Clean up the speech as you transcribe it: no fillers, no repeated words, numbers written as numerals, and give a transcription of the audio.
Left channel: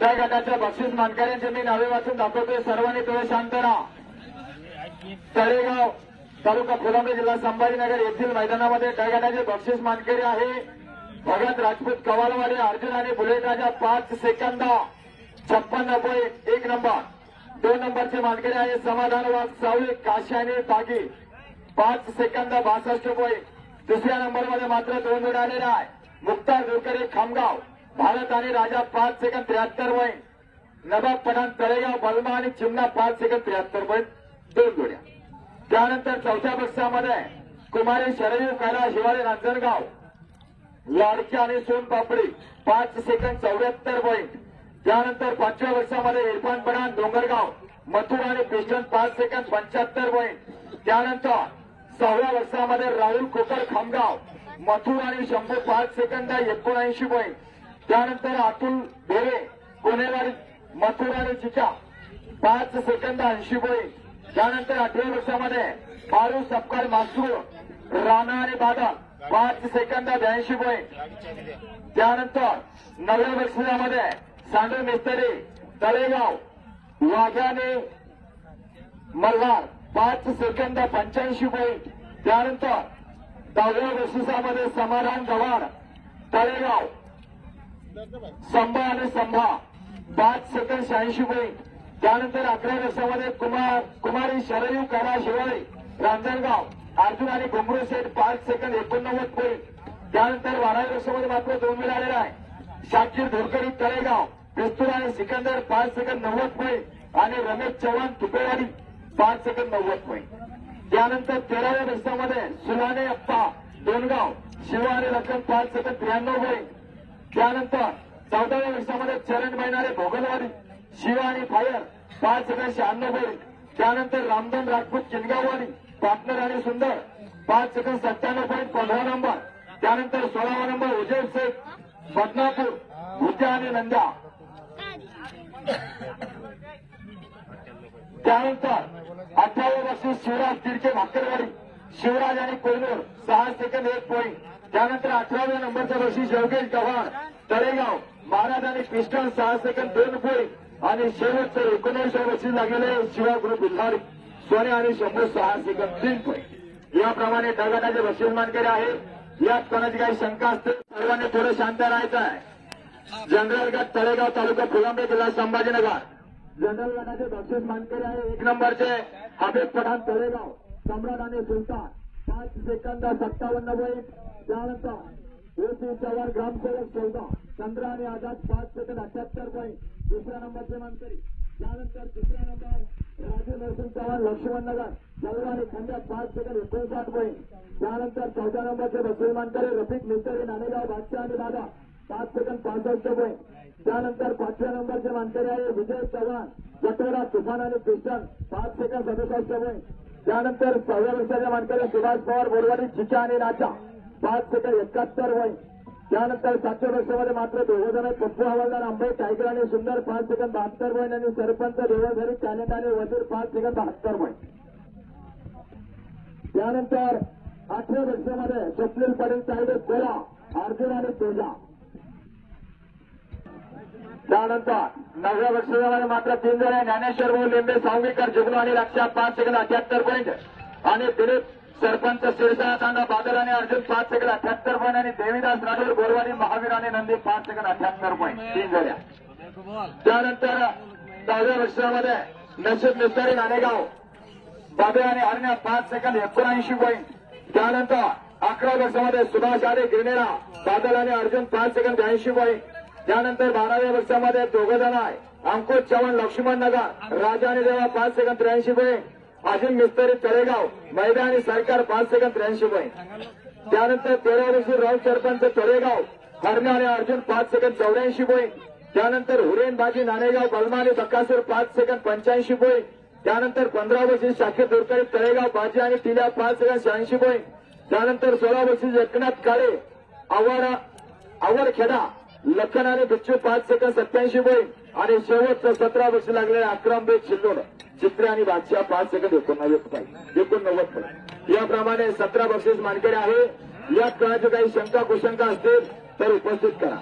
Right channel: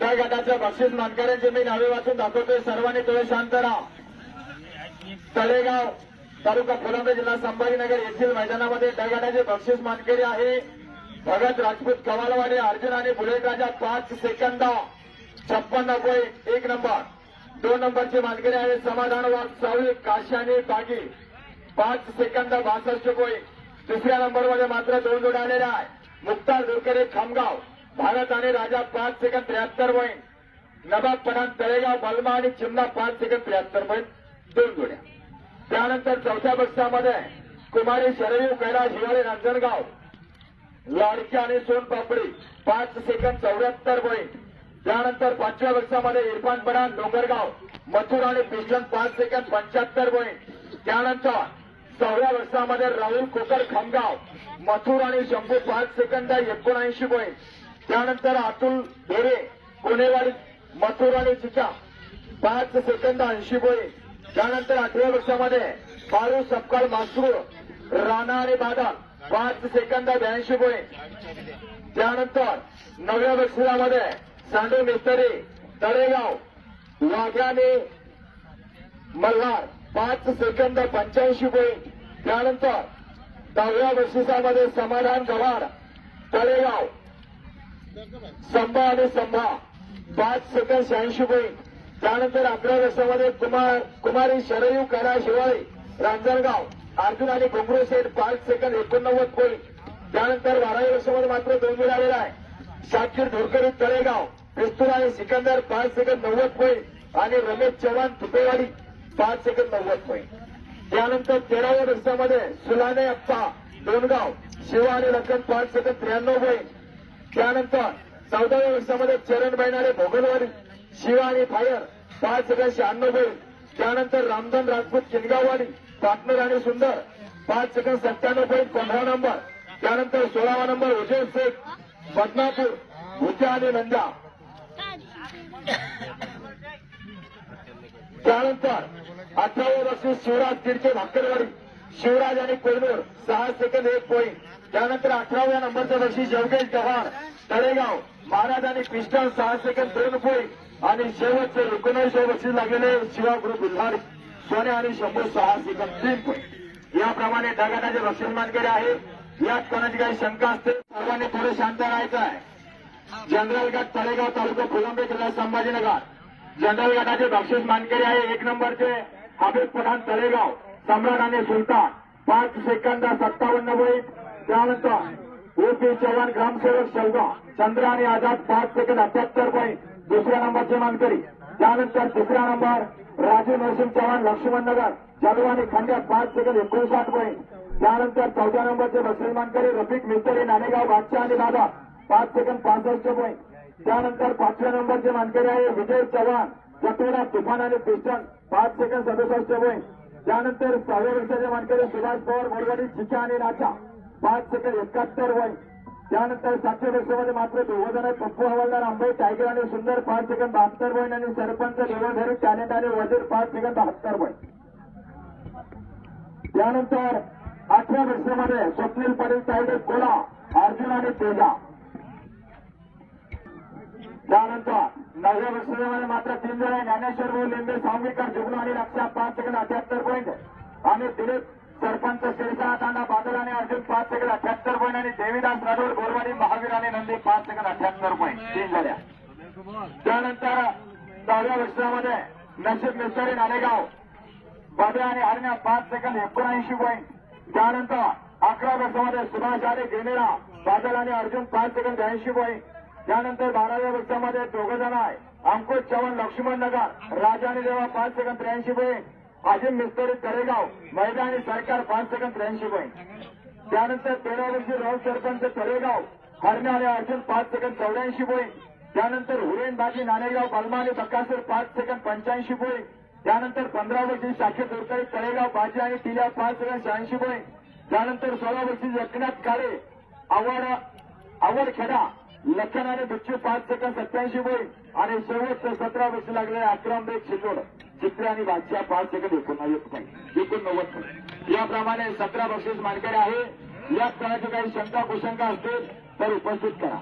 त्या गटाच्या बक्षीस मानकऱ्यांचे मी नावे वाचून दाखवतोय. सर्वांनी थोडे शांत राहा. तळेगाव तालुका फुलंब्री जिल्हा संभाजीनगर येथील मैदानामध्ये त्या गटाचे बक्षीस मानकरी आहे भगत राजपूत कवालवाडी अर्जुन आणि बुलेट राजा 5 सेकंद 56.1 नंबर. 2 नंबरची मानकरी आहे समाधान वाघ सावली काशी आणि बागी 5 सेकंद 62. तिसऱ्या नंबरमध्ये मात्र 2 जोड्या आलेल्या आहे. मुक्तार दुरकरे खामगाव भारत आणि राजा 5 सेकंद 73. नवाब पठाण तळेगाव बलमा आणि चिमणा 5 सेकंद 73. 2 जोड्या. त्यानंतर चौथ्या बक्षामध्ये कुमारी शरवीर कैलास हिवाळे रांजणगाव लाडकी आणि सोनपापडी 5 सेकंद 74. त्यानंतर पाचव्या बक्षामध्ये इरफान पठाण डोंगरगाव मथुर आणि पिस्टन 5 सेकंद 75. त्यानंतर 6व्या बक्षामध्ये राहुल कोकर खामगाव मथुर आणि शंभू 5 सेकंद 79. त्यानंतर अतुल भेरे कोणेवाडी मथुर आणि चिचा 5 सेकंद 80. त्यानंतर 8व्या बक्षामध्ये फारू सपकाळ मासरूळ राणा आणि बादा 5 सेकंद 82. त्यानंतर 9व्या बक्षामध्ये सांडू मिस्त्री तळेगाव वाघ्याने मल्हार 5 सेकंद 85. त्यानंतर 10व्या बक्षिसामध्ये समाधान गव्हाड तळेगाव संभा आणि संभा 5 सेकंद 86. त्यानंतर 11व्या बक्षामध्ये कुमारी शरयू कैलास हिवाळे रांजणगाव अर्जुन आणि घुंगरू सेठ 5 सेकंद 89. त्यानंतर 12व्या बक्षामध्ये मात्र 2 जोड्या आलेला आहे. शाकीर धोरकरी तळेगाव पिस्तूल आणि सिकंदर 5 सेकंद 90. आणि रमेश चव्हाण तुपेवाडी 5 सेकंद 90. त्यानंतर 13व्या बक्षामध्ये सुलाने अप्पा डोनगाव शिवा आणि लखन 5 सेकंद 93. त्यानंतर 14व्या बक्षामध्ये चरण बैनारे भोगलवाडी शिवा आणि फायर 5 सेकंद 96. त्यानंतर रामधन राजपूत किनगाववाडी पार्टनर आणि सुंदर 5 सेकंद 97. 15 नंबर. त्यानंतर 16वा नंबर उजय शेख बदनापूर भुजा आणि नंदा. त्यानंतर 18वे बक्षीस शिवराज तिरके भाकरवाडी शिवराज आणि कोयनूर 6 सेकंद 1 पॉईंट. त्यानंतर 18व्या नंबरचं बक्षीस योगेश चव्हाण तळेगाव महाराज आणि कृष्ण 6 सेकंद 2 पॉईंट. आणि शेवटचं 19वे बक्षीस लागलेले शिवा ग्रुप बुधवारी सोने आणि 106 सेकंद 3 पॉईंट. याप्रमाणे ढगाटाचे बक्षीस मानकरी आहे. यात कोणाची काही शंका असते सर्वांनी थोडं शांत राहायचं आहे. जनरल गट तळेगाव तालुका फुलंब्री जिल्हा संभाजीनगर. जनरल गटाचे बक्षीस मानकरी आहे 1 नंबरचे हबीब पठाण तळेगाव सम्राट आणि सुलतान 5 सेकंद 57. त्यानंतर ओपी चव्हाण ग्रामसेवक शेवगाव चंद्र आणि आझाद 5 सेकंद 78. दुसऱ्या नंबरचे मानकरी. त्यानंतर तिसरा नंबर राजू नरसिंह चव्हाण लक्ष्मणनगर जलवा आणि खांड्या 5 सेकंद 59. त्यानंतर 4थ्या नंबरचे बक्षीस मानकरी रफिक मिस्त्री नाणेगाव बादशाह आणि दादा 5 सेकंद 65. त्यानंतर 5व्या नंबरचे मानकरी आहे विजय चव्हाण जटोरा तुफान आणि पिस्टन 5 सेकंद 67. त्यानंतर 6व्या वर्षाचे मानकरी सुभाष पवार बोरवाडी चिचा आणि नाचा 5 सेकंद 71. त्यानंतर 7व्या वर्षामध्ये मात्र 2 जण पप्पू हवालदार आंबे टायगर आणि सुंदर 5 सेकंद 72. आणि सरपंच देवळधारी टानेट आणि वजीर 5 सेकंद 72. त्यानंतर 8व्या वर्षामध्ये स्वप्नील पाटील टायगर कोला अर्जुन आणि तेजा. त्यानंतर 9व्या वर्षामध्ये मात्र 3 जण ज्ञानेश्वर भाऊ लिंबे सावंगीकर जुगनू आणि लक्षा 5 सेकंद 78 पॉईंट. आणि दिलीप सरपंच शिरसाळा तांडा बादल आणि अर्जुन 5 सेकंद 78 पॉईंट. आणि देवीदास राठोड गोरवाडी महावीर आणि नंदी 5 सेकंद 78 पॉईंट 3 जोड्या. त्यानंतर 10व्या वर्षामध्ये नशीब मिस्त्री नाणेगाव बाबे आणि हरण्या 5 सेकंद 79 पॉईंट. त्यानंतर 11व्या वर्षामध्ये सुभाष आरे गिरनेरा बादल आणि अर्जुन 5 सेकंद 82 पॉईंट. त्यानंतर 12व्या वर्षामध्ये 2 जण आहे अंकुश चव्हाण लक्ष्मणनगर राजा आणि देवा 5 सेकंद 83 पॉईंट. अजिम मिस्त्री तळेगाव मैदानी सरकार 5 सेकंद 83 पॉईंट. त्यानंतर 13व्या वर्षी राव सरपंच तळेगाव हरण्या आणि अर्जुन 5 सेकंद 84 पॉईंट. त्यानंतर हुरेन बाजी नाणेगाव बलमा आणि बकासूर 5 सेकंद 85 पॉईंट. त्यानंतर 15व्या वर्षी शाखीर दुरकरी तळेगाव बाजी आणि टिल्या 5 सेकंद 86 पॉईंट. त्यानंतर 16व्या वर्षी एकनाथ काळे आवडखेडा लखन आणि बिच्चू 5 सेकंद 87 पॉईंट. आणि शेवटचं 17 वर्ष लागलेले अक्रमबेग शिल्लोन चित्रे आणि बादशाह 5 सेकंद 89 पॉईंट. याप्रमाणे 17 बक्षीस मानकरी आहे. यात कोणाची काही शंका कुशंका असतील तर उपस्थित करा.